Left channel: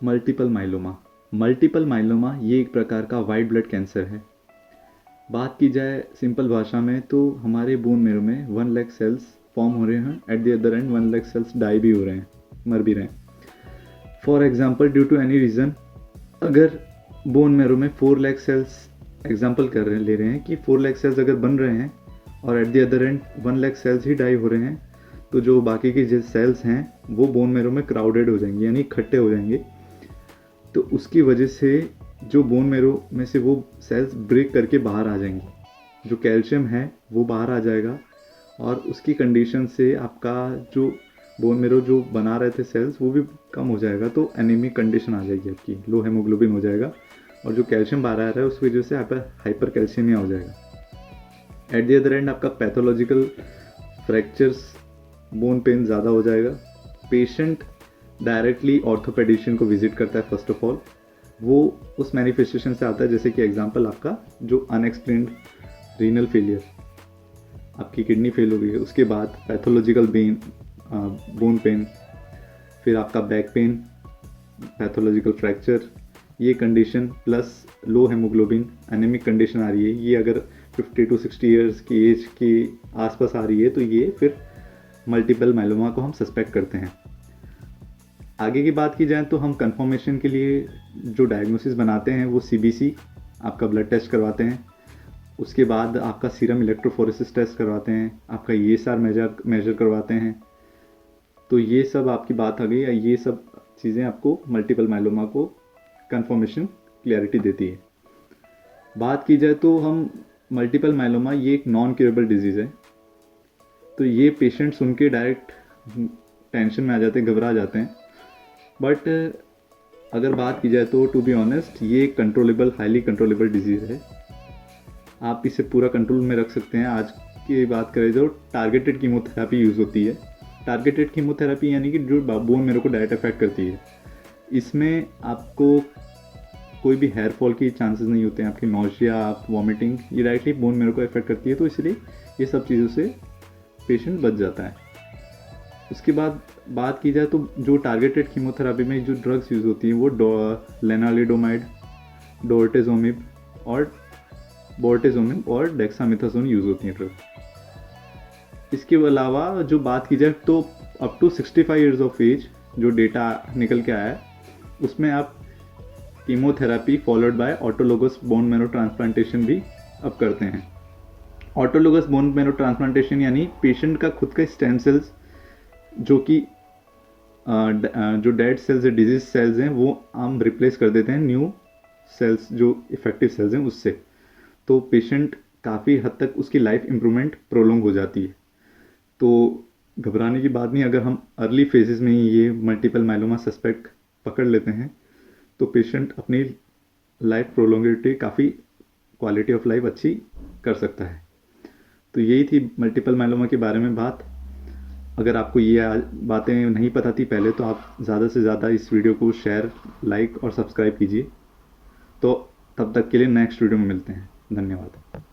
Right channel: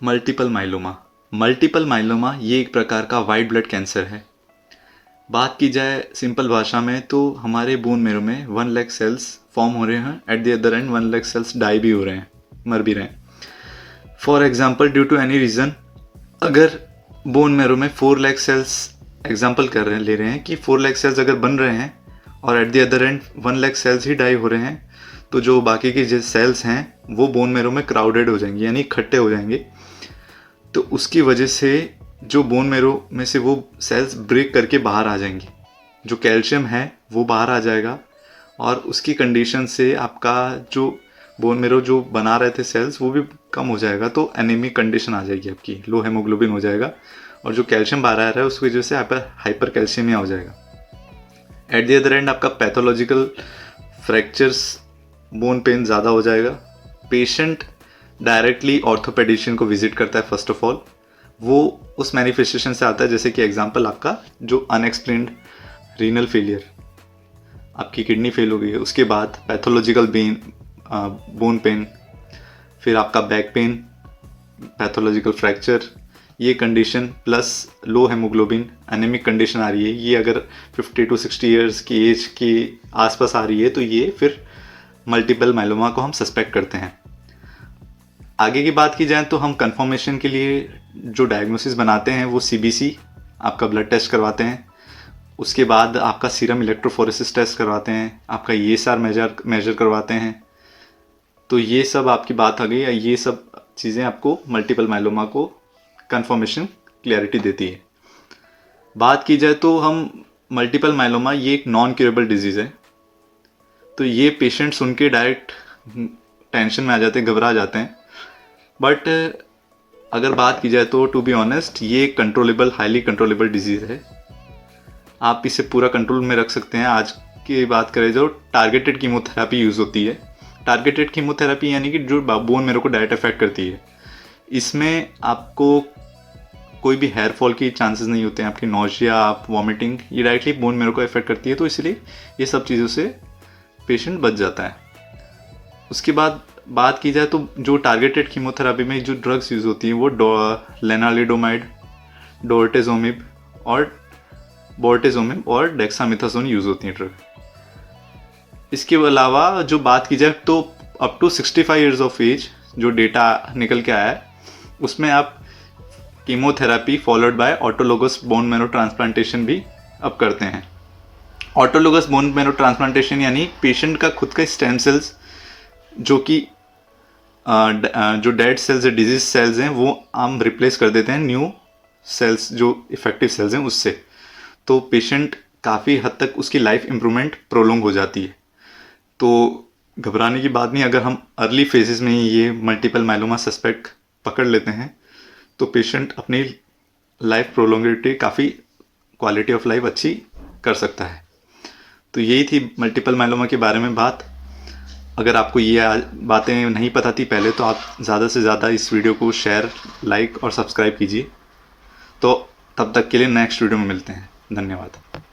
Multiple myeloma. Multiple myeloma ये एक प्रकार का वाइट ब्लड कैंसर है। बात की जाए सिंपल भाषा में तो हमारे बोन मेरो में 1 लाख सेल्स फॉर्म हो रहे हैं, at the other end 1 lakh cells die भी हो रहे हैं, मर भी रहे हैं। For example, due to any reason अगर बोन मेरो में 4 लाख सेल्स एग्जाम्पल ले रहे हैं कि 4 लाख सेल्स अगर बन रहे हैं और at the other end 1 lakh cells ही डाई हो रहे हैं, तो जो बाकी के जो सेल्स हैं वो बोन मेरो में क्राउडेड हो जाएंगे, यानी इकट्ठे हो जाएंगे। तो उसकी वजह से जो बोन मेरो में से वो सेल्स ब्रेक करके बाहर आ जाएंगी, जो कैल्शियम है वो बाहर आ जाएगा और उसकी कंडीशन से आपका जो बोन मेरो जो बना रहे थे सेल्स वो भी कम हो जाएगा। तो एनीमिक कंडीशन आ जाएगी, आपकी लो हेमोग्लोबिन हो जाएगा और जो कैल्शियम बाहर आ रहा है उसकी वजह से हाइपर कैल्शियमिया हो जाएगा। एट द अदर एंड आपका पैथोलॉजिकल फ्रैक्चर्स, बोन पेन ज़्यादा हो जाएगा। पेशेंट डायरेक्टली ऑर्थोपेडिशियन को विजिट करता है। फर्स्ट ऑफ ऑल वो उस मैनिफेस्टेशन से आता है, जैसे कि एग्जांपल आपका जो अनएक्सप्लेन्ड रीनल फेलियर, आपकी किडनी फेल हो गई है, उसके बाद पैथोलॉजिकल बोन पेन, फिर आपका बैक पेन, पैथोलॉजिकल फ्रैक्चर, ये condition plus low haemoglobin anaemic condition आ रही है, ये अगर 50 to 60 ईयर्स की एज के आसपास आ रही है तो ये फिर मल्टीपल माइलोमा को हम सस्पेक्ट करते हैं। आगे की बात की जाए तो हम कंफर्मेशन के लिए जो डायग्नोसिस बनाते हैं वो CBC आपका ब्लड टेस्ट करवाते हैं, उसके बाद आपका सीरम इलेक्ट्रोफोरेसिस टेस्ट करवाते हैं, आपका ESR मेजर करवाते हैं। तो ये सब आपकी बात आ गई, ये सब चीज़ें आपको मल्टीपल माइलोमा को कंफर्मेशन क्लैरिटी देती है। बात की जाए तो हम मल्टीपल माइलोमा ये एक नॉन क्यूरेबल डिजीज़ है, तो ये पेशेंट सुन के डायरेक्ट टेंशन में आ जाते हैं, घबरा जाते हैं। बट अगर बात की जाए तो टू बी ऑनेस्ट ये कंट्रोलेबल, हाईली कंट्रोलेबल डिजीज़ है। आप इसे पूरा कंट्रोल में रख सकते हैं। आज की बात करें जो टारगेटेड कीमोथेरेपी यूज़ होती है, टारगेटेड कीमोथेरेपी यानी कि जो बोन मेरो को डायरेक्ट अफेक्ट करती है, इसमें आपको कोई भी हेयर फॉल की चांसेस नहीं होते हैं, आपकी नोशिया, आप वॉमिटिंग, ये डायरेक्टली बोन मेरो को अफेक्ट करती है, तो इसलिए ये सब चीज़ों से पेशेंट बच जाता है। उसके बाद बात की जाए तो जो टारगेटेड कीमोथेरेपी में जो ड्रग्स यूज़ होती हैं वो लेनालिडोमाइड, डोर्टेजोमिब और डेक्सामेथासोन यूज़ होती हैं ड्रग। इसके अलावा जो बात की जाए तो up to 65 years of age जो डेटा निकल के आया है उसमें आप chemotherapy followed by autologous bone marrow transplantation भी अब करते हैं। ऑटोलोगस बोन मेरो ट्रांसप्लांटेशन यानी पेशेंट का खुद का स्टेम सेल्स जो कि जो डेड सेल्स है, डिजीज सेल्स हैं, वो हम रिप्लेस कर देते हैं न्यू सेल्स जो इफेक्टिव सेल्स हैं उससे। तो पेशेंट काफ़ी हद तक उसकी लाइफ इम्प्रूवमेंट प्रोलोंग हो जाती है। तो घबराने की बात नहीं, अगर हम अर्ली फेजेस में ही ये मल्टीपल माइलोमा सस्पेक्ट पकड़ लेते हैं तो पेशेंट अपनी लाइफ प्रोलोंगिटी, काफ़ी क्वालिटी ऑफ लाइफ अच्छी कर सकता है। तो यही थी मल्टीपल माइलोमा के बारे में बात। अगर आपको ये बातें नहीं पता थी पहले तो आप ज़्यादा से ज़्यादा इस वीडियो को शेयर, लाइक और सब्सक्राइब कीजिए। तो तब तक के लिए नेक्स्ट वीडियो में मिलते हैं। धन्यवाद।